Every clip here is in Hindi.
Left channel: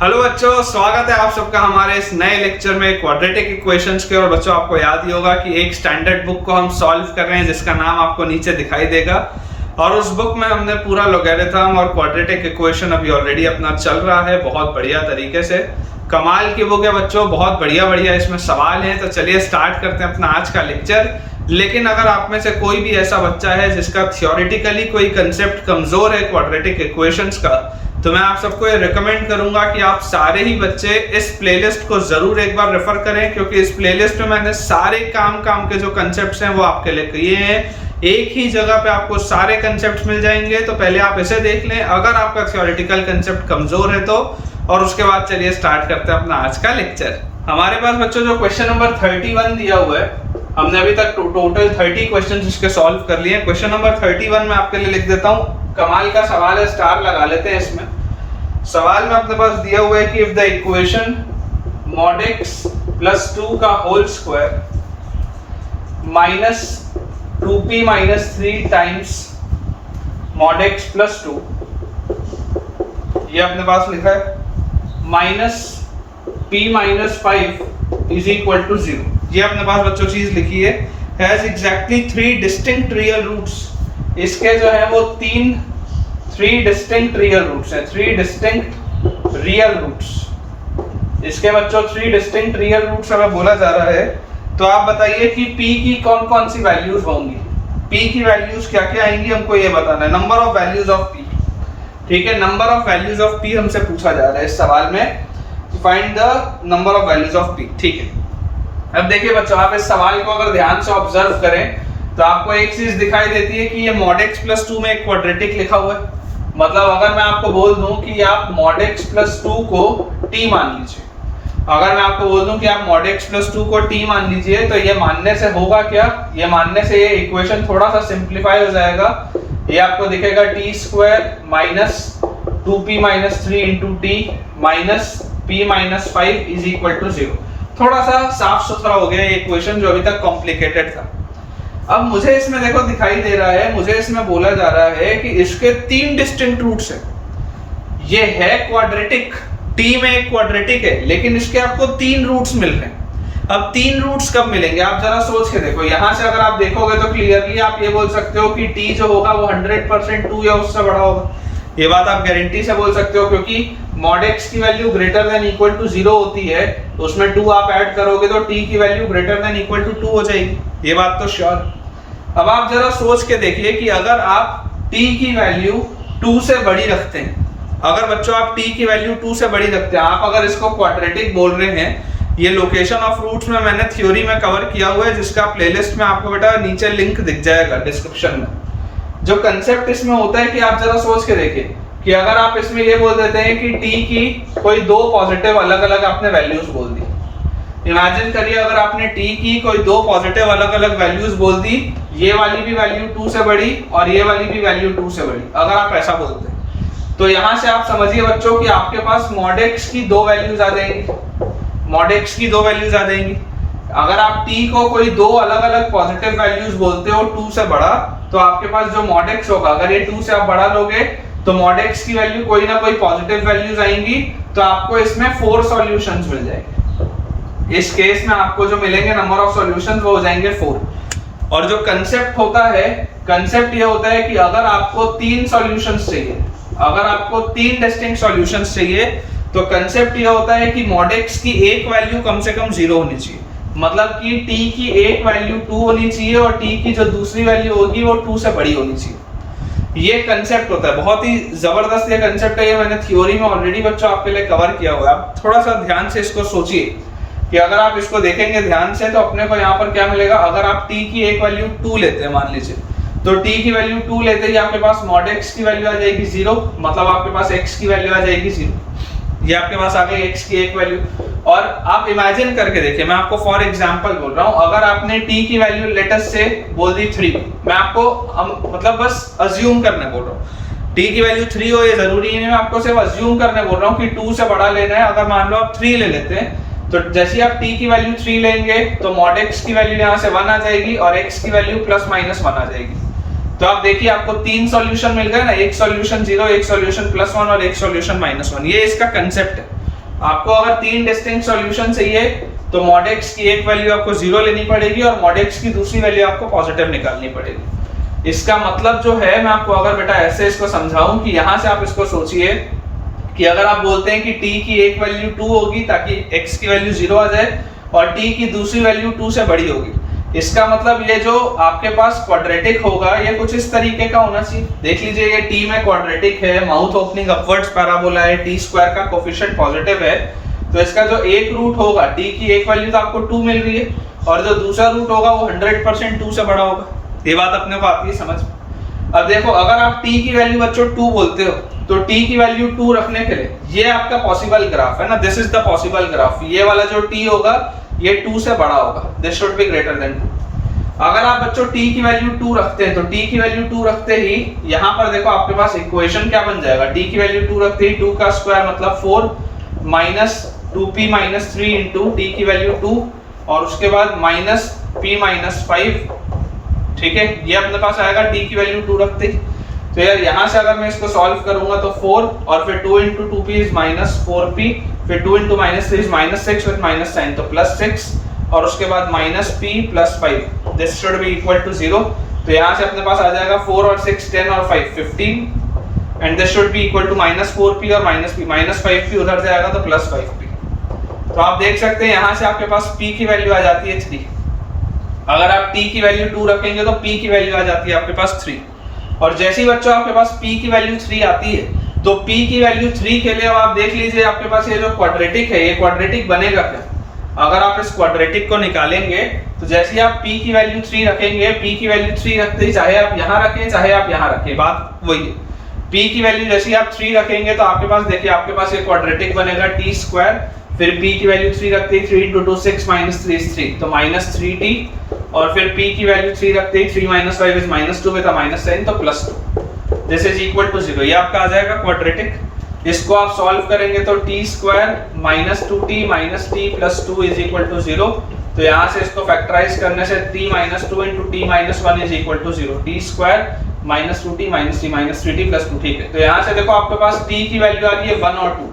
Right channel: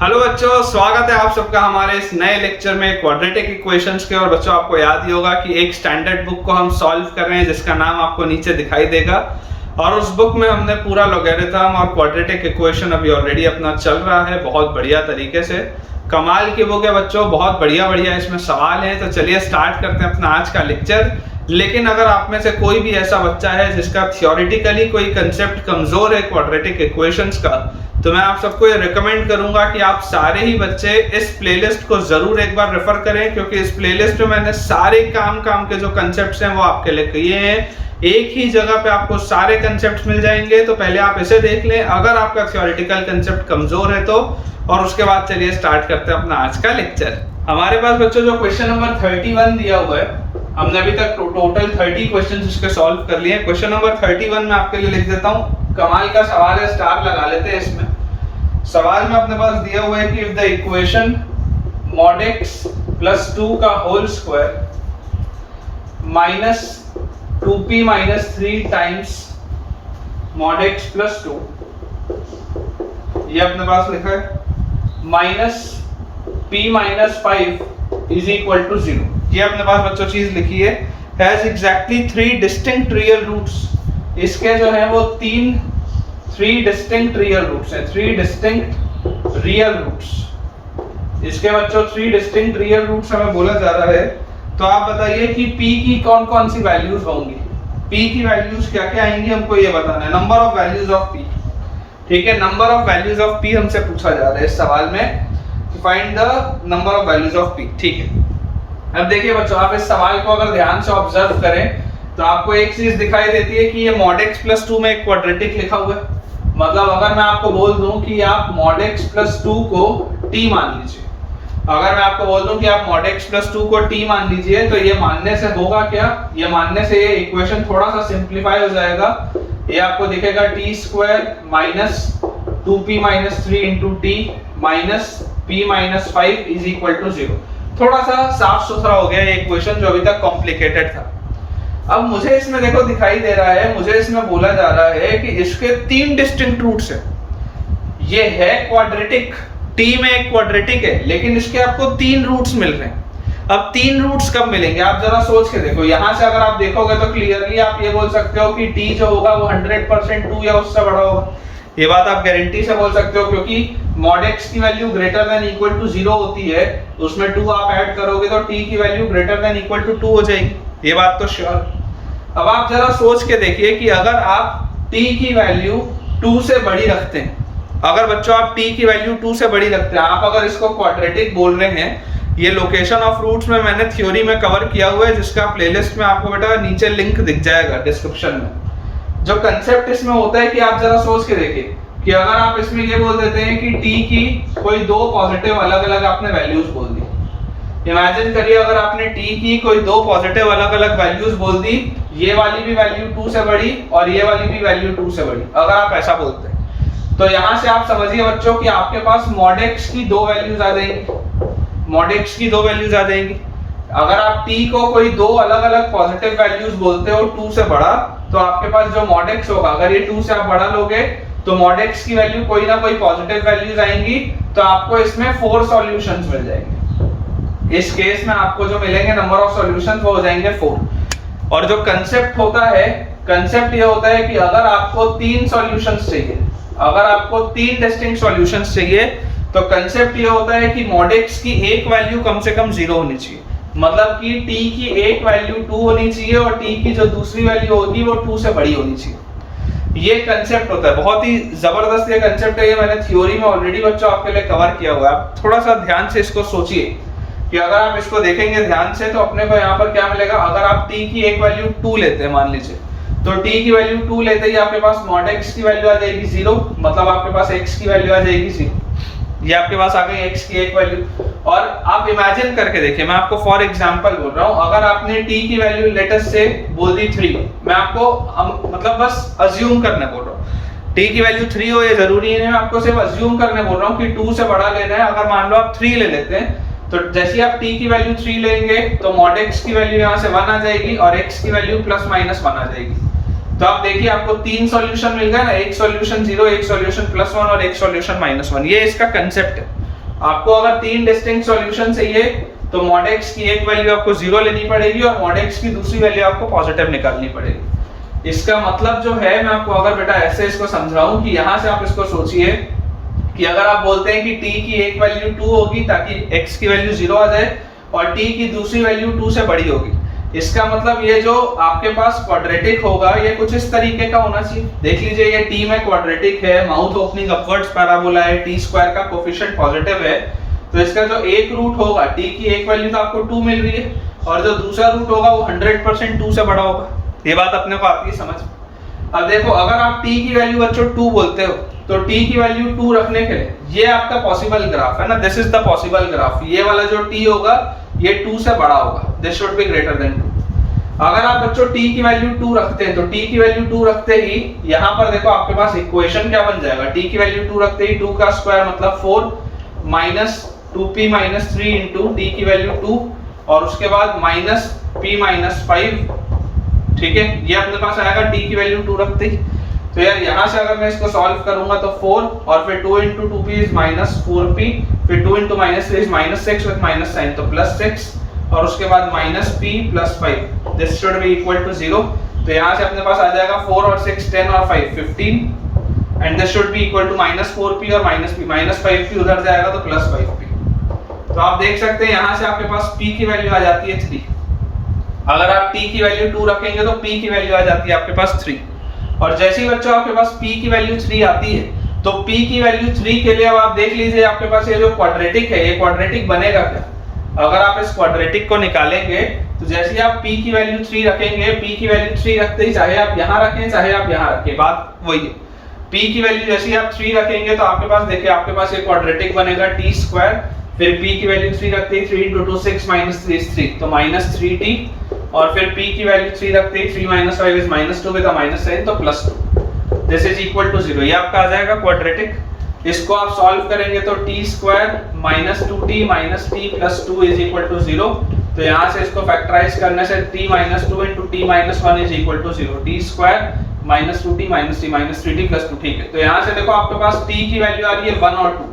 हेलो बच्चों, स्वागत है आप सबका हमारे इस नए लेक्चर में क्वाड्रेटिक इक्वेशंस के। और बच्चों, आपको याद ही होगा कि एक स्टैंडर्ड बुक को हम सॉल्व कर रहे हैं जिसका नाम आपको नीचे दिखाई देगा। और उस बुक में हमने पूरा लॉगरिथम और क्वाड्रेटिक इक्वेशन अभी ऑलरेडी अपना चल रहा है बहुत बढ़िया तरीके से। कमाल की बुक है बच्चों, बहुत बढ़िया बढ़िया इसमें सवाल हैं। तो चलिए स्टार्ट करते हैं अपना आज का लेक्चर। लेकिन अगर आप में से कोई भी ऐसा बच्चा है जिसका थियोरिटिकली कोई कंसेप्ट कमजोर है क्वाड्रेटिक इक्वेशंस का, तो मैं आप सबको ये रिकमेंड करूंगा कि आप सारे ही बच्चे इस प्लेलिस्ट को जरूर एक बार रेफर करें, क्योंकि इस प्लेलिस्ट में मैंने सारे काम के जो कंसेप्ट्स हैं वो आपके लिए किए हैं। एक ही जगह पे आपको सारे कंसेप्ट्स मिल जाएंगे। तो पहले आप इसे देख लें अगर आपका थियोरिटिकल कंसेप्ट कमजोर है तो, और उसके बाद चलिए स्टार्ट करते हैं अपना आज का लेक्चर। हमारे पास बच्चों जो क्वेश्चन नंबर 31 दिया हुआ है, हमने अभी तक टोटल 30 क्वेश्चन उसके सॉल्व कर लिए। क्वेश्चन नंबर 31 में आपके लिए लिख देता हूँ, कमाल का सवाल है, स्टार लगा लेते हैं इसमें। सवाल में अपने पास दिया हुआ है कि if the equation mod x plus 2 का whole square minus 2p minus 3 times mod x plus 2, ये अपने पास लिखा है minus p minus 5 is equal to 0। ये अपने पास बच्चों चीज लिखी है, has exactly 3 distinct real roots. इसके जो है वो 3 डिस्टिंक्ट रियल रूट्स हैं, 3 डिस्टिंक्ट रियल रूट्स। इसके बच्चों 3 डिस्टिंक्ट रियल रूट्स हमें बोला जा रहा है। तो आप बताइए कि p की कौन कौन सी वैल्यूज होंगी, p की वैल्यूज क्या क्या आएंगी, हमको ये बताना है। Number of values of p, ठीक है, number of values of p हमसे पूछा जा रहा है इस सवाल में। Find the number of values of p, ठीक है। अब देखिए बच्चों, आप इस सवाल को अगर ध्यान से ऑब्जर्व करें तो आपको एक चीज दिखाई देती है कि ये mod x plus 2 में एक क्वाड्रेटिक लिखा हुआ है। मतलब अगर मैं आपको बोल दूं कि आप mod x plus 2 को t मान लीजिए, अगर मैं आपको बोल दूं कि आप mod x plus 2 को t मान लीजिए, तो ये मानने से होगा क्या, ये मानने से ये इक्वेशन थोड़ा सा सिंप्लीफाई हो जाएगा। ये आपको दिखेगा t square minus 2p minus 3 into T minus p minus 5 is equal to 0। थोड़ा सा साफ सुथरा हो गया ये इक्वेशन जो अभी तक कॉम्प्लिकेटेड था। अब मुझे इसमें देखो दिखाई दे रहा है, मुझे इसमें बोला जा रहा है कि इसके 3 डिस्टिंक्ट रूट्स हैं। ये है क्वाड्रेटिक, टी में एक क्वाड्रेटिक है, लेकिन इसके आपको 3 रूट्स मिल रहे हैं। अब 3 रूट्स कब मिलेंगे आप जरा सोच के देखो। यहां से अगर आप देखोगे तो क्लियरली आप ये बोल सकते हो कि टी जो होगा वो 100% 2 या उससे बड़ा होगा। ये बात आप गारंटी से बोल सकते हो, क्योंकि mod x की value greater than equal to 0 होती है, तो उसमें 2 आप ऐड करोगे तो t की value greater than equal to 2 हो जाएगी। ये बात तो श्योर। अब आप जरा सोच के देखिए कि अगर आप t की वैल्यू 2 से बड़ी रखते हैं, अगर बच्चों आप t की वैल्यू 2 से बड़ी रखते हैं, आप अगर इसको क्वाड्रेटिक बोल रहे हैं, ये लोकेशन ऑफ रूट्स में मैंने थ्योरी में कवर किया हुआ है, जिसका प्लेलिस्ट में आपको बेटा नीचे लिंक दिख जाएगा डिस्क्रिप्शन में। जो कंसेप्ट इसमें होता है कि आप जरा सोच के देखिए कि अगर आप इसमें ये बोल देते हैं कि t की कोई 2 पॉजिटिव अलग अलग आपने वैल्यूज बोल दी। इमेजिन करिए अगर आपने t की कोई 2 पॉजिटिव अलग अलग वैल्यूज बोल दी, ये वाली भी वैल्यू 2 से बड़ी और ये वाली भी वैल्यू 2 से बड़ी, अगर आप ऐसा बोलते हैं, तो यहां से आप समझिए बच्चों कि आपके पास mod x की 2 वैल्यूज आ जाएंगी, mod x की 2 वैल्यूज आ जाएंगी। अगर आप t को कोई 2 अलग अलग पॉजिटिव वैल्यूज बोलते हो 2 से बड़ा, तो आपके पास जो mod x होगा, अगर ये 2 से आप बड़ा लोगे तो mod x की वैल्यू कोई ना कोई पॉजिटिव वैल्यूज आएंगी, तो आपको इसमें 4 सॉल्यूशंस मिल जाएंगे। इस केस में आपको जो मिलेंगे नंबर ऑफ सॉल्यूशंस वो हो जाएंगे 4। और जो कंसेप्ट होता है, कंसेप्ट ये होता है कि अगर आपको 3 सॉल्यूशंस चाहिए, अगर आपको 3 डिस्टिंक्ट सॉल्यूशंस चाहिए, तो कंसेप्ट ये होता है कि mod x की एक वैल्यू कम से कम 0 होनी चाहिए। मतलब कि t की एक वैल्यू 2 होनी चाहिए और t की जो दूसरी वैल्यू होगी वो 2 से बड़ी होनी चाहिए। ये कंसेप्ट होता है, बहुत ही जबरदस्त ये कंसेप्ट है। ये मैंने थ्योरी में ऑलरेडी बच्चों आपके लिए कवर किया हुआ है। आप थोड़ा सा ध्यान से इसको सोचिए कि अगर आप इसको देखेंगे ध्यान से तो अपने को यहाँ पर क्या मिलेगा। अगर आप t की एक वैल्यू 2 लेते हैं मान लीजिए, तो t की वैल्यू 2 लेते ही आपके पास mod x की वैल्यू आ जाएगी 0, मतलब आपके पास x की वैल्यू आ जाएगी 0। ये आपके पास आ गई x की एक वैल्यू। और आप इमेजिन करके देखिए, मैं आपको फॉर एग्जांपल बोल रहा हूं, अगर आपने t की वैल्यू लेटेस्ट से बोल दी 3, मैं आपको मतलब बस अज्यूम करने बोल रहा हूं, t की वैल्यू 3 हो ये जरूरी नहीं, मैं आपको सिर्फ अज्यूम करने बोल रहा हूं कि 2 से बड़ा लेना है। अगर मान लो आप 3 ले लेते हैं, तो जैसे ही आप t की वैल्यू 3 लेंगे तो mod x की वैल्यू यहाँ से 1 आ जाएगी और x की वैल्यू प्लस माइनस 1 आ जाएगी। तो आप देखिए आपको 3 सॉल्यूशन मिल गए ना, एक सॉल्यूशन 0, एक सॉल्यूशन +1 और एक सॉल्यूशन -1। ये इसका कंसेप्ट है। आपको अगर 3 डिस्टिंक्ट सॉल्यूशन चाहिए तो mod x की एक वैल्यू आपको 0 लेनी पड़ेगी और mod x की दूसरी वैल्यू आपको पॉजिटिव निकालनी पड़ेगी। इसका मतलब जो है, मैं आपको अगर बेटा ऐसे इसको समझाऊं कि यहां से आप इसको सोचिए कि अगर आप बोलते हैं कि t की एक वैल्यू 2 होगी ताकि x की वैल्यू 0 आ जाए और t की दूसरी वैल्यू 2 से बड़ी होगी, इसका मतलब ये जो आपके पास क्वाड्रेटिक होगा ये कुछ इस तरीके का होना चाहिए। देख लीजिए ये t में क्वाड्रेटिक है, माउथ ओपनिंग अपवर्ड्स पैराबोला है, t स्क्वायर का कोफिशिएंट पॉजिटिव है, तो इसका जो एक रूट होगा, t की एक वैल्यू तो आपको 2 मिल रही है और जो दूसरा रूट होगा वो 100% 2 से बड़ा होगा। ये बात अपने को आती है समझ। अब देखो अगर आप t की वैल्यू बच्चों 2 बोलते हो तो t की वैल्यू 2 रखने के लिए ये आपका पॉसिबल ग्राफ है ना, this is the possible graph. ये वाला जो t होगा ये 2 से बड़ा होगा, this should be greater then 2। अगर आप बच्चों t की वैल्यू 2 रखते हैं तो t की वैल्यू 2 रखते ही यहाँ पर देखो आपके पास इक्वेशन क्या बन जाएगा, t की वैल्यू 2 रखते ही 2 का स्क्वायर मतलब 4 minus 2p minus 3 into t की वैल्यू 2 और उसके बाद माइनस p माइनस 5, ठीक है, ये अपने पास आएगा t की वैल्यू 2 रखते ही। तो यार यहाँ से अगर मैं इसको सॉल्व करूंगा तो 4 और फिर 2 into 2p is minus 4p, फिर 2 into minus 3 is minus 6 with minus sign तो प्लस 6 और उसके बाद minus p plus 5, this should be equal to 0। तो यहाँ से अपने पास आ जाएगा 4 और 6 10 और 5 15 and this should be equal to minus 4p और माइनस p, माइनस 5p उधर जाएगा तो प्लस 5p। तो आप देख सकते हैं यहाँ से आपके पास p की वैल्यू आ जाती है 3। अगर आप t की वैल्यू 2 रखेंगे तो p की वैल्यू आ जाती है आपके पास 3। और जैसे ही बच्चों आपके पास p की वैल्यू 3 आती है तो p की वैल्यू 3 के लिए अब आप देख लीजिए आपके पास ये जो क्वाड्रेटिक है ये क्वाड्रेटिक बनेगा क्या। अगर आप इस क्वाड्रेटिक को निकालेंगे तो जैसे ही आप p की वैल्यू 3 रखेंगे, p की वैल्यू 3 रखते ही चाहे आप यहाँ रखें चाहे आप यहाँ रखें, बात वही है। p की वैल्यू जैसे ही आप 3 रखेंगे तो आपके पास देखिए आपके पास ये क्वाड्रेटिक बनेगा t स्क्वायर, फिर p की वैल्यू 3 रखते ही 3 into 2 6 minus 3 is 3 तो माइनस 3t और फिर p की वैल्यू 3 रखते ही 3 minus 5 is minus 2 with a minus sign तो plus 2, this is equal to 0। ये आपका आ जाएगा क्वाड्रेटिक। इसको आप सॉल्व करेंगे तो t square minus 2t minus t plus 2 is equal to 0। तो यहाँ से इसको फैक्टराइज करने से t minus 2 into t minus 1 is equal to 0, t square minus 2t minus t minus 3t plus 2, ठीक है। तो यहाँ से देखो आपके पास t की वैल्यू आ रही है 1 और 2,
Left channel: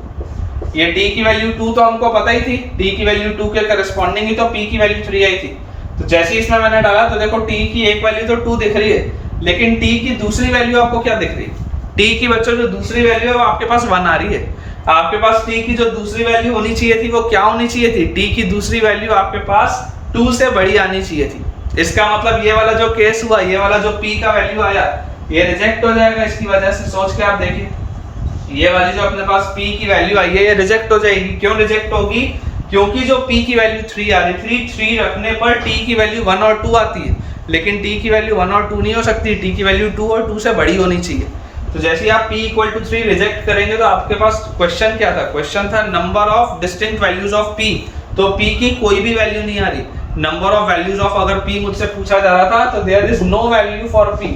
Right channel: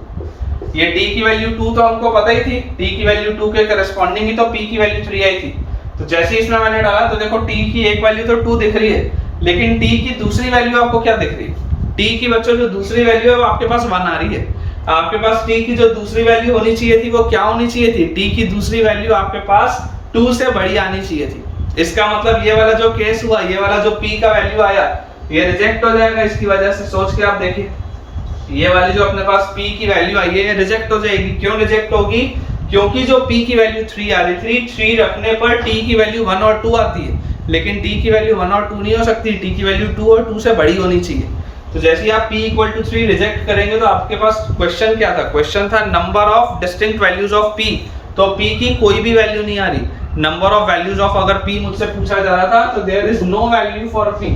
ये t की वैल्यू 2 तो हमको पता ही थी, t की वैल्यू 2 के करस्पॉन्डिंग ही तो p की वैल्यू 3 आई थी। तो जैसे ही इसमें मैंने डाला तो देखो t की एक वैल्यू तो 2 दिख रही है, लेकिन t की दूसरी वैल्यू आपको क्या दिख रही है, t की बच्चों जो दूसरी वैल्यू है वो आपके पास 1 आ रही है। आपके पास t की जो दूसरी वैल्यू होनी चाहिए थी वो क्या होनी चाहिए थी, t की दूसरी वैल्यू आपके पास 2 से बड़ी आनी चाहिए थी। इसका मतलब ये वाला जो केस हुआ, ये वाला जो p का वैल्यू आया ये रिजेक्ट हो जाएगा। इसकी वजह से सोच के आप देखिए ये वाली जो अपने पास p की वैल्यू आई है ये रिजेक्ट हो जाएगी। क्यों रिजेक्ट होगी, क्योंकि जो p की वैल्यू 3 आ रही थी, 3 रखने पर t की वैल्यू 1 और 2 आती है, लेकिन t की वैल्यू 1 और 2 नहीं हो सकती, t की वैल्यू 2 और 2 से बड़ी होनी चाहिए। तो जैसे ही आप p इक्वल टू 3 रिजेक्ट करेंगे तो आपके पास क्वेश्चन क्या था, क्वेश्चन था number of distinct values of p। तो p की कोई भी वैल्यू नहीं आ रही, नंबर ऑफ वैल्यूज ऑफ अगर p मुझसे पूछा जा रहा था तो there is no value for p,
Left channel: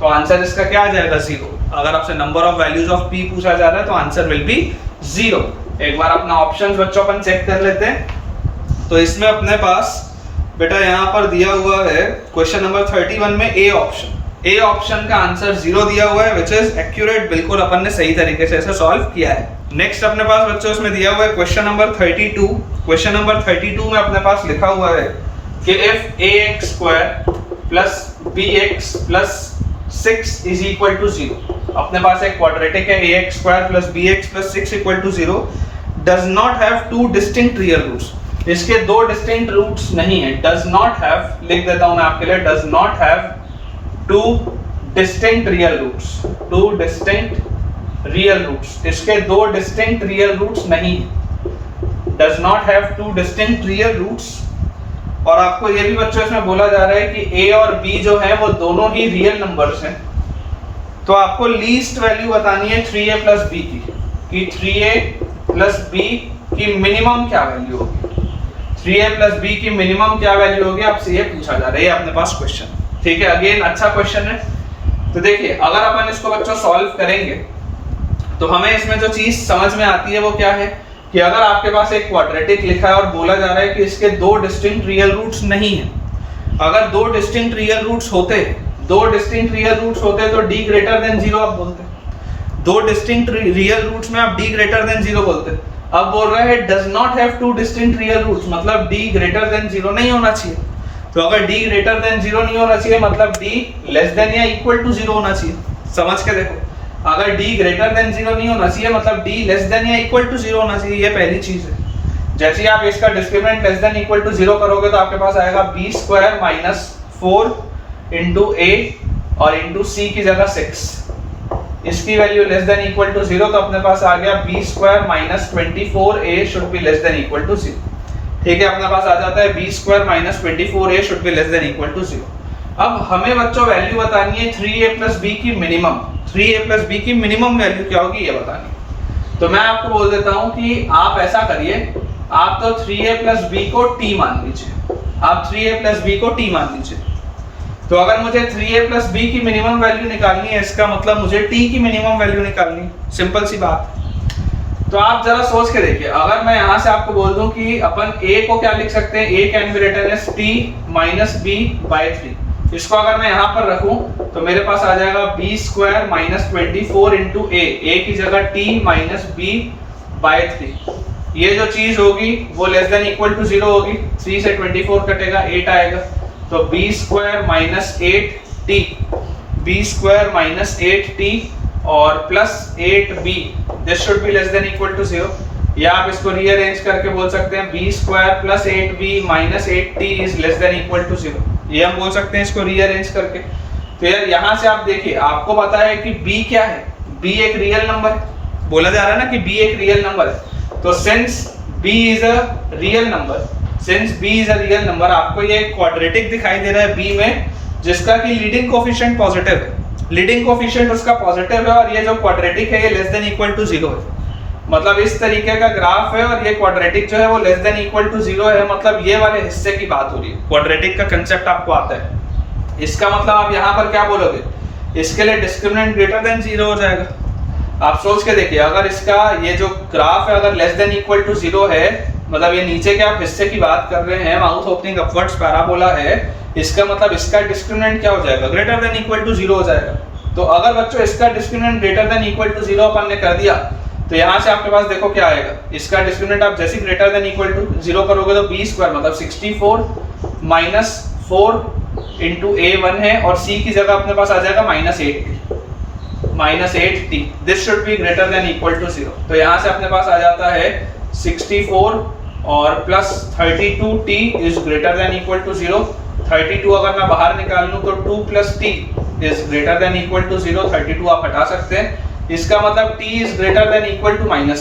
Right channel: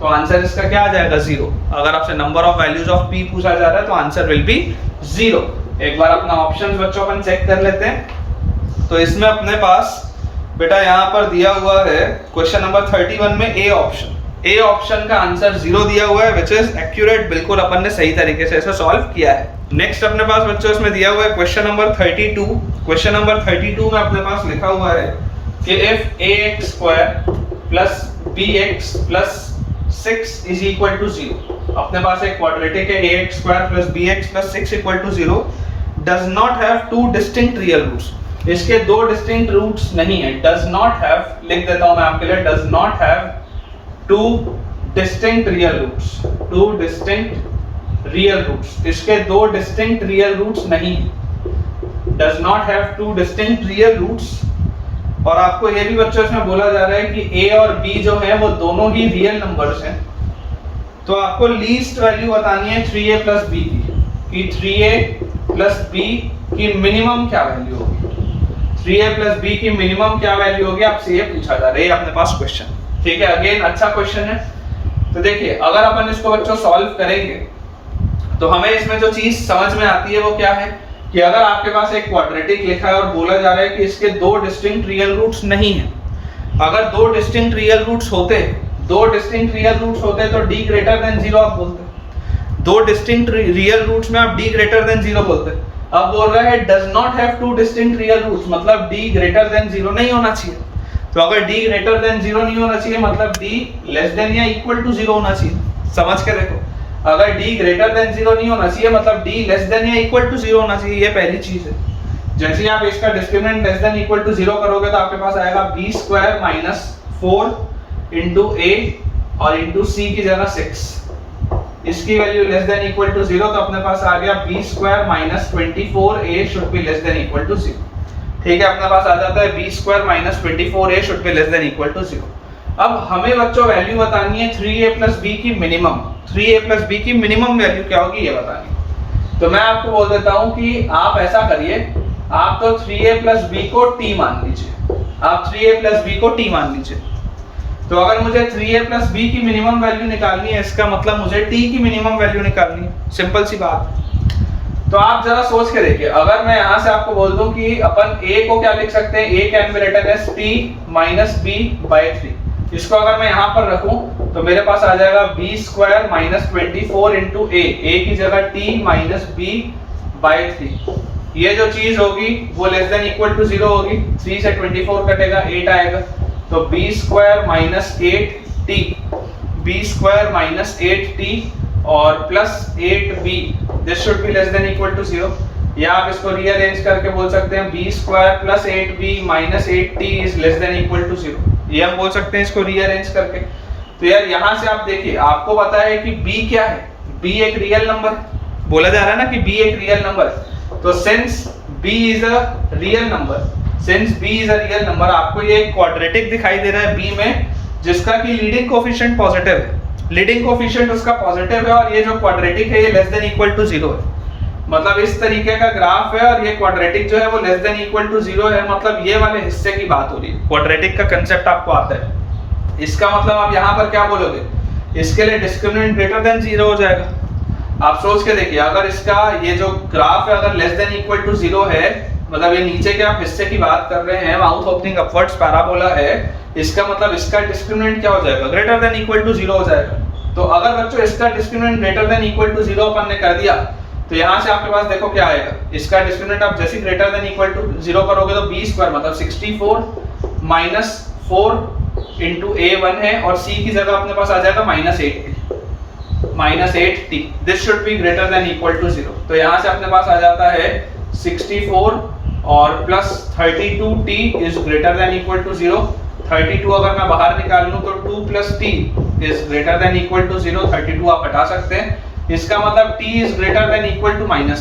तो आंसर इसका क्या आ जाएगा 0। अगर आपसे number of values of p पूछा जा रहा है तो आंसर विल बी 0। एक बार अपना ऑप्शंस बच्चों अपन चेक कर लेते हैं। तो इसमें अपने पास बेटा यहाँ पर दिया हुआ है क्वेश्चन नंबर 31 में ए ऑप्शन का आंसर 0 दिया हुआ है, विच इज एक्यूरेट, बिल्कुल अपन ने सही तरीके से इसे सॉल्व किया है। नेक्स्ट अपने पास बच्चों इसमें दिया हुआ है क्वेश्चन नंबर 32। क्वेश्चन नंबर 32 में अपने पास लिखा हुआ है कि if ax square plus bx plus 6 is equal to 0, अपने पास एक क्वाड्रेटिक है ax square plus bx plus 6 equal to 0, does not have two distinct real roots. इसके दो डिस्टिंक्ट रूट्स नहीं है, डज नॉट हैव, लिख देता हूं मैं आपके लिए, does not have two distinct real roots, two distinct real roots, इसके दो डिस्टिंक्ट रियल रूट्स नहीं है, does not have two distinct real roots. और आपको ये भी बच्चों इसमें बोला जा रहा है कि a और b जो हैं वो दोनों ही रियल नंबर्स हैं। तो आपको लीस्ट वैल्यू बतानी है 3a प्लस b की, कि 3a प्लस b की मिनिमम क्या वैल्यू होगी, 3a प्लस b की मिनिमम क्या वैल्यू होगी, आपसे ये पूछा जा रहा है, ये अपने पास क्वेश्चन, ठीक है। अगेन अच्छा क्वेश्चन है। तो देखिए अगर अपन इसको बच्चों सॉल्व करेंगे तो हमें इसमें जो चीज समझ में आती है वो क्या है कि अगर आपके पास एक क्वाड्रेटिक लिखा है और बोला जा रहा है कि इसके दो डिस्टिंक्ट रियल रूट्स नहीं हैं, अगर दो डिस्टिंक्ट रियल रूट्स होते, दो डिस्टिंक्ट रियल रूट्स होते तो d ग्रेटर देन 0 आप बोलते, दो डिस्टिंक्ट रियल रूट्स में आप d ग्रेटर देन 0 बोलते, अब बोल रहा है does not have two distinct real roots, मतलब d ग्रेटर देन 0 नहीं होना चाहिए। तो अगर d ग्रेटर देन 0 नहीं होना चाहिए मतलब d लेस देन या इक्वल टू 0 होना चाहिए। समझ के देखो, अगर d ग्रेटर देन 0 नहीं होना चाहिए मतलब d लेस देन या इक्वल टू 0 होना चाहिए, ये पहली चीज है। जैसे ही आप इसका discriminant less than equal to 0 करोगे तो आपके पास आएगा b square minus 4 into a और इंटू c की जगह 6। इसकी value less than equal to 0 तो अपने पास आ गया b square minus 24a should be less than equal to 0। ठीक है, अपने पास आ जाता है b square minus 24a should be less than equal to 0। अब हमें बच्चों वैल्यू बतानी है 3a प्लस b की मिनिमम। 3a प्लस b की मिनिमम वैल्यू क्या होगी ये बतानी है। तो मैं आपको बोल देता हूं कि आप ऐसा करिए, आप तो 3a प्लस b को t मान लीजिए। आप 3a प्लस b को t मान लीजिए। तो अगर मुझे 3a प्लस b की मिनिमम वैल्यू निकालनी है, इसका मतलब मुझे t की मिनिमम वैल्यू निकालनी है। सिंपल सी बात। तो आप जरा सोच के देखिए, अगर मैं यहाँ से आपको बोल दूं कि अपन a को क्या लिख सकते हैं, a can be written as t minus b by 3। इसको अगर मैं यहाँ पर रखूं तो मेरे पास आ जाएगा b square minus 24 into a की जगह t माइनस b बाय 3। ये जो चीज होगी वो लेस देन इक्वल टू 0 होगी। 3 से 24 कटेगा, 8 आएगा। तो b square minus 8t, b square minus 8t और plus 8b, this should be less than equal to 0। या आप इसको रीअरेंज करके बोल सकते हैं b square plus 8b minus 8t is less than equal to 0। ये हम बोल सकते हैं इसको रीअरेंज करके। तो यार यहाँ से आप देखिए, आपको पता है कि b क्या है, b एक रियल नंबर है। बोला जा रहा है ना कि b एक रियल नंबर है। तो since b is a real number, since b is a real number, आपको ये क्वाड्रेटिक दिखाई दे रहा है b में, जिसका कि लीडिंग कोफिशिएंट पॉजिटिव है। लीडिंग कोफिशिएंट उसका पॉजिटिव है और ये जो क्वाड्रेटिक है ये लेस देन इक्वल टू 0 है। मतलब इस तरीके का ग्राफ है और ये क्वाड्रेटिक जो है वो लेस देन इक्वल टू 0 है। मतलब ये वाले हिस्से की बात हो रही है। क्वाड्रेटिक का कंसेप्ट आपको आता है। इसका मतलब आप यहाँ पर क्या बोलोगे, इसके लिए डिस्क्रिमिनेंट ग्रेटर देन 0 हो जाएगा। आप सोच के देखिए, अगर इसका ये जो ग्राफ है अगर लेस देन इक्वल टू 0 है, मतलब ये नीचे के आप हिस्से की बात कर रहे हैं, माउथ ओपनिंग अपवर्ड्स पैराबोला है, इसका मतलब इसका डिस्क्रिमिनेंट क्या हो जाएगा, ग्रेटर देन इक्वल टू 0 हो जाएगा। तो अगर बच्चों इसका discriminant greater than equal to 0 अपन ने कर दिया तो यहाँ से आपके पास देखो क्या आएगा, इसका डिस्क्रिमिनेंट आप जैसे ग्रेटर देन इक्वल टू 0 करोगे तो b स्क्वायर मतलब 64 माइनस 4 इंटू a1 है और c की जगह अपने पास आ जाएगा minus 8t। This should be greater than equal to 0। तो यहाँ से अपने पास आ जाता है 64 और plus 32t is greater than equal to 0। 32 अगर मैं बाहर निकाल लूं तो 2 plus t is greater than equal to 0। 32 आप हटा सकते हैं। इसका मतलब t is greater than equal to -2।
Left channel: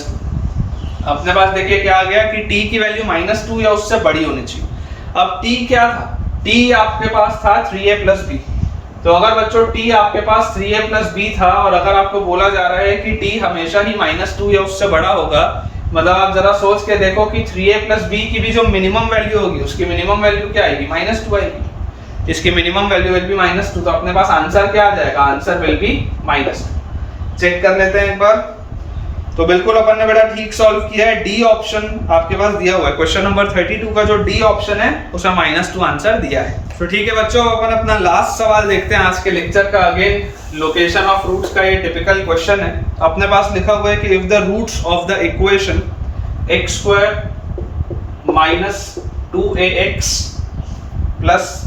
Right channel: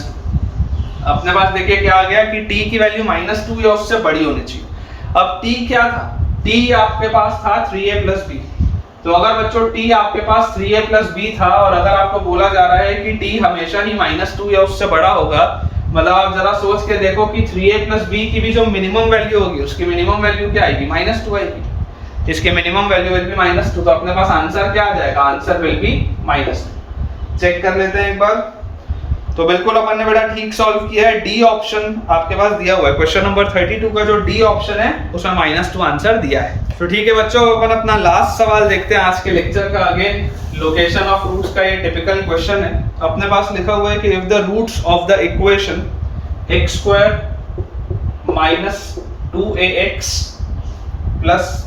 अपने पास देखिए क्या आ गया कि t की वैल्यू -2 या उससे बड़ी होनी चाहिए। अब t क्या था, t आपके पास था 3a प्लस b। तो अगर बच्चों t आपके पास 3a प्लस b था और अगर आपको बोला जा रहा है कि t हमेशा ही -2 या उससे बड़ा होगा, मतलब आप जरा सोच के देखो कि 3a प्लस b की भी जो मिनिमम वैल्यू होगी उसकी मिनिमम वैल्यू क्या आएगी, -2 आएगी। इसकी मिनिमम वैल्यू विल बी -2। तो अपने पास आंसर क्या आ जाएगा, आंसर विल बी -2। चेक कर लेते हैं एक बार। तो बिल्कुल अपन ने बेटा ठीक सॉल्व किया है। डी ऑप्शन आपके पास दिया हुआ है, क्वेश्चन नंबर 32 का जो डी ऑप्शन है उसमें -2 आंसर दिया है। तो ठीक है बच्चों, अपन अपना लास्ट सवाल देखते हैं आज के लेक्चर का। अगेन लोकेशन ऑफ रूट्स का ये टिपिकल क्वेश्चन है। अपने पास लिखा हुआ है कि if the roots of the equation x square minus 2ax plus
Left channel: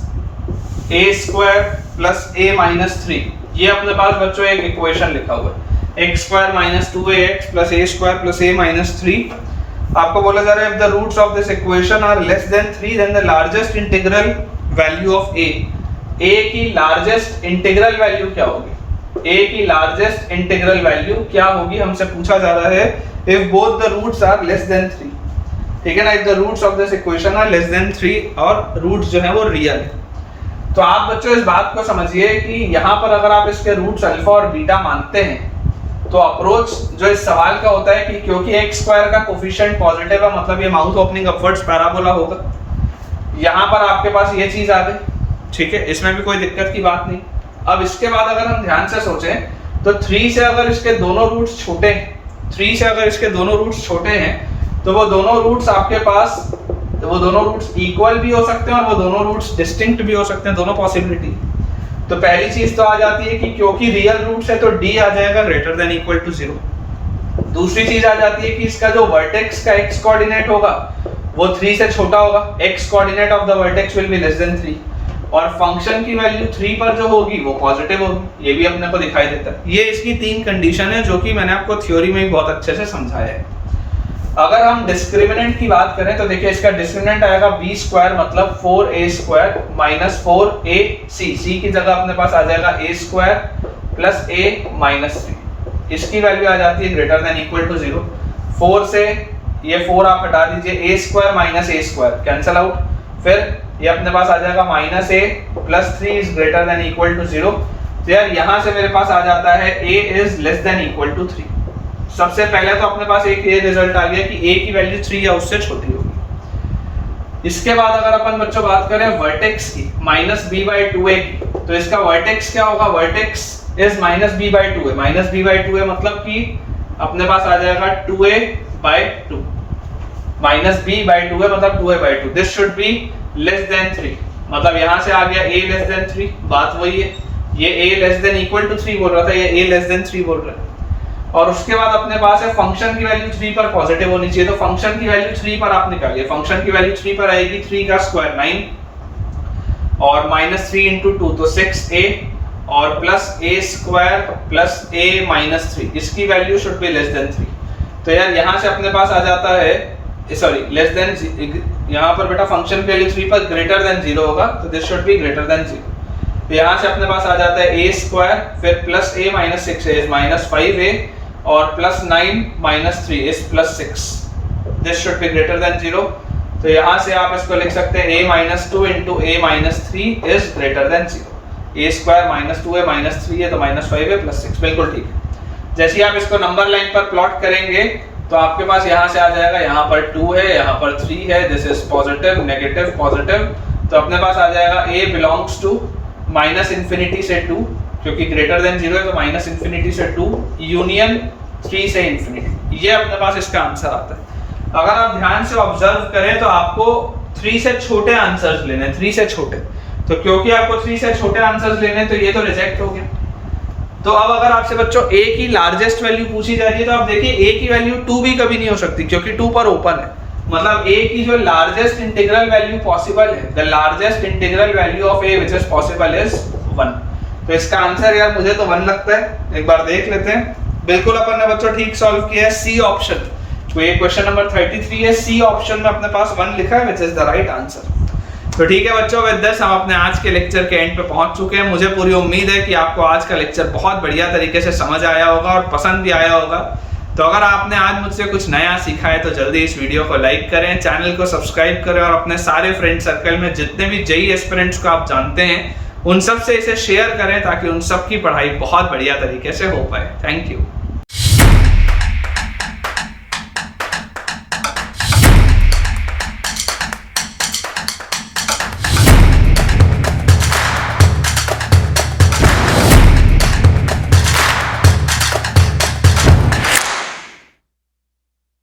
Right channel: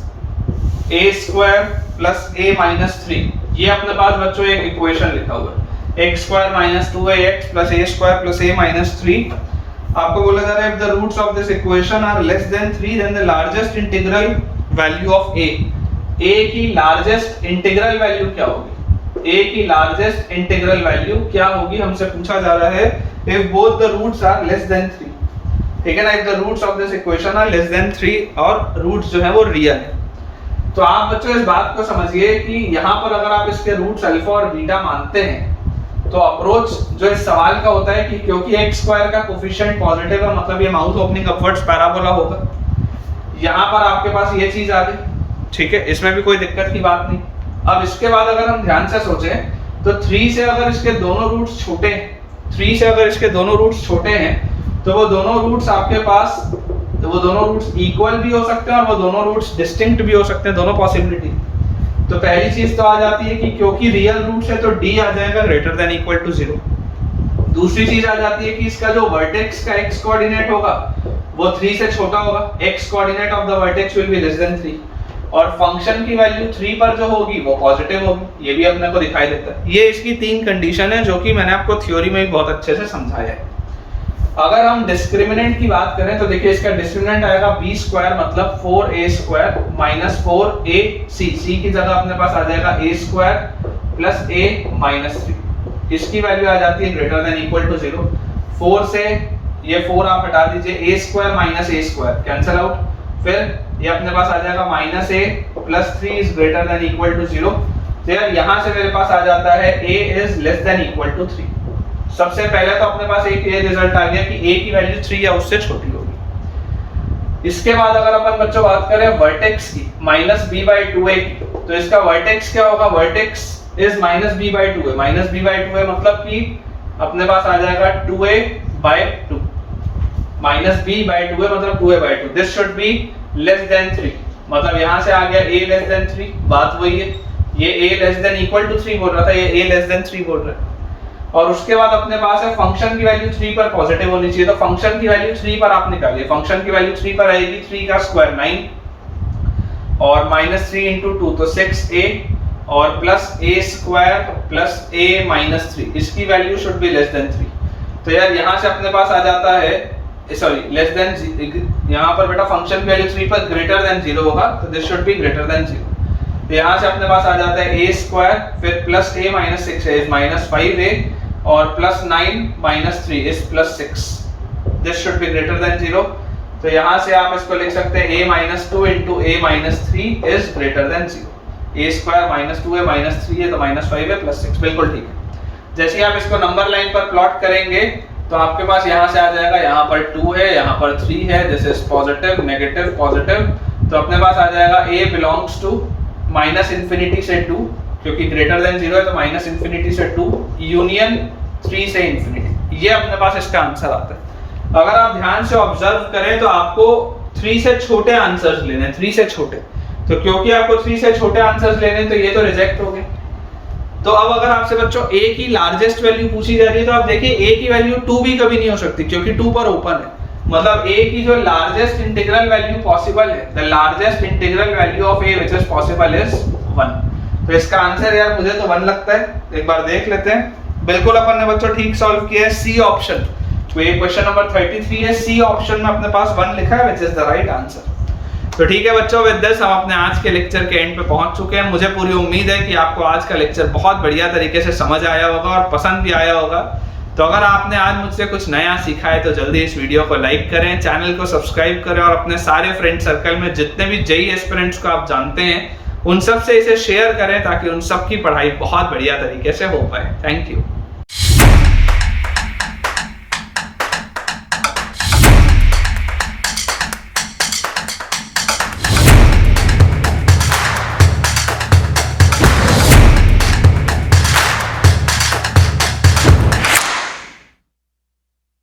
a square plus a minus 3, ये अपने पास बच्चों एक इक्वेशन लिखा हुआ है, x square minus 2ax plus a square plus a minus 3। आपको बोला जा रहा है if the roots of this equation are less than 3 then the largest integral value of a की लार्जेस्ट इंटीग्रल वैल्यू क्या होगी, a की लार्जेस्ट इंटीग्रल वैल्यू क्या होगी हमसे पूछा जा रहा है if both the roots are less than 3। ठीक है ना, if the roots of this equation are less than 3 और रूट्स जो है वो रियल है। तो आप बच्चों इस बात को समझिए कि यहाँ पर अगर आप इसके रूट्स अल्फा और बीटा मानते हैं तो अप्रोच जो इस सवाल का होता है कि क्योंकि x स्क्वायर का कोफिशिएंट पॉजिटिव है, मतलब ये माउथ ओपनिंग अपवर्ड्स पैराबोला होगा। यहाँ पर आपके पास ये चीज आ गई, ठीक है, इसमें भी कोई दिक्कत की बात नहीं। अब इसके बाद अगर हम ध्यान से सोचें तो 3 से अगर इसके दोनों रूट्स छोटे हैं, 3 से अगर इसके दोनों रूट्स छोटे हैं तो वो दोनों रूट्स आपके पास, तो वो दोनों रूट्स इक्वल भी हो सकते हैं और वो दोनों रूट्स डिस्टिंक्ट भी हो सकते हैं, दोनों पॉसिबिलिटी। तो पहली चीज तो आ जाती है कि क्योंकि रियल रूट्स है तो d आ जाएगा ग्रेटर देन इक्वल टू 0। दूसरी चीज आ जाती है कि इसका जो वर्टेक्स का x कोऑर्डिनेट होगा वो 3 से छोटा होगा, x coordinate of the vertex will be less then 3, और फंक्शन की वैल्यू 3 पर जो होगी वो पॉजिटिव होगी, ये भी अपने को दिखाई देता है। ये इसकी 3 कंडीशन है जो कि मैंने आपको थ्योरी में बहुत अच्छे से समझाया है। अगर हम डिस्क्रिमिनेंट की बात करें तो देखिए इसका डिस्क्रिमिनेंट आएगा b स्क्वायर मतलब 4a² माइनस 4ac, c की जगह अपने पास आ जाएगा a² प्लस a माइनस 3, इसकी वैल्यू आ जाती है ग्रेटर देन इक्वल टू 0। 4 से ये 4 आप हटा दीजिए, a² minus a² cancel out, फिर ये अपने पास आ जाएगा minus a plus 3 is greater than equal to 0। तो यार यहाँ से मेरे पास आ जाता है a is less than equal to 3। सबसे पहले तो अपने पास एक ये रिजल्ट आ गया कि a की वैल्यू 3 या उससे छोटी होगी। इसके बाद अगर अपन बच्चों बात करें वर्टेक्स की माइनस b/2a की, तो इसका वर्टेक्स क्या होगा, vertex is minus b/2a, minus b/2a मतलब कि अपने पास आ जाएगा 2a/2, माइनस b/2a मतलब 2a/2, this should be less then 3, मतलब यहां से आ गया a लेस देन 3, बात वही है, ये a less than equal to 3 बोल रहा था, ये a लेस देन 3 बोल रहा है। और उसके बाद अपने पास है फंक्शन की वैल्यू 3 पर पॉजिटिव होनी चाहिए, तो फंक्शन की वैल्यू 3 पर आप निकालिए, फंक्शन की वैल्यू 3 पर आएगी, 3 का स्क्वायर 9 और माइनस 3 इंटू 2 तो 6a और plus a² plus a minus 3, इसकी value should be less then 3। तो यार यहाँ से अपने पास आ जाता है, सॉरी लेस देन, यहाँ पर बेटा फंक्शन की वैल्यू 3 पर ग्रेटर देन 0 होगा, तो this should be greater than 0। तो यहाँ से अपने पास आ जाता है a² फिर plus a minus 6 is minus 5a और plus 9 minus 3 is plus 6, this should be greater than 0। तो यहाँ से आप इसको लिख सकते हैं a minus 2 into a minus 3 is greater than 0, a² minus 2a minus 3 है तो माइनस 5a प्लस 6, बिल्कुल ठीक है। जैसे ही आप इसको नंबर लाइन पर प्लॉट करेंगे तो आपके पास यहाँ से आ जाएगा, यहाँ पर 2 है, यहाँ पर 3 है, this is positive negative positive, तो अपने पास आ जाएगा a belongs to minus infinity से 2, क्योंकि ग्रेटर देन 0 है तो माइनस इंफिनिटी से 2 यूनियन 3 से इंफिनिटी, ये अपने पास इसका आंसर आता है। अगर आप ध्यान से ऑब्जर्व करें तो आपको 3 से छोटे आंसर्स लेने, 3 से छोटे, तो क्योंकि आपको 3 से छोटे आंसर्स लेने तो ये तो रिजेक्ट हो गया। तो अब अगर आपसे बच्चों a की लार्जेस्ट वैल्यू पूछी जा रही है तो आप देखिए a की वैल्यू 2 भी कभी नहीं हो सकती क्योंकि 2 पर ओपन है, मतलब a की जो लार्जेस्ट इंटीग्रल वैल्यू पॉसिबल है, the largest integral value of a which is possible is 1। तो इसका आंसर यार मुझे तो 1 लगता है, एक बार देख लेते हैं। बिल्कुल अपन ने बच्चों ठीक सॉल्व किया है, सी ऑप्शन, तो ये क्वेश्चन नंबर 33 है, सी ऑप्शन में अपने पास 1 लिखा है which is the right answer. तो ठीक है बच्चों, विद दिस हम अपने आज के लेक्चर के एंड पे पहुंच चुके हैं। मुझे पूरी उम्मीद है कि आपको आज का लेक्चर बहुत बढ़िया तरीके से समझ आया होगा और पसंद भी आया होगा। तो अगर आपने आज मुझसे कुछ नया सीखा है तो जल्दी इस वीडियो को लाइक करें, चैनल को सब्सक्राइब करें और अपने सारे फ्रेंड सर्कल में जितने भी जेईई एस्पिरेंट्स को आप जानते हैं उन सब से इसे शेयर करें ताकि उन सब की पढ़ाई बहुत बढ़िया तरीके से हो पाए। Thank you.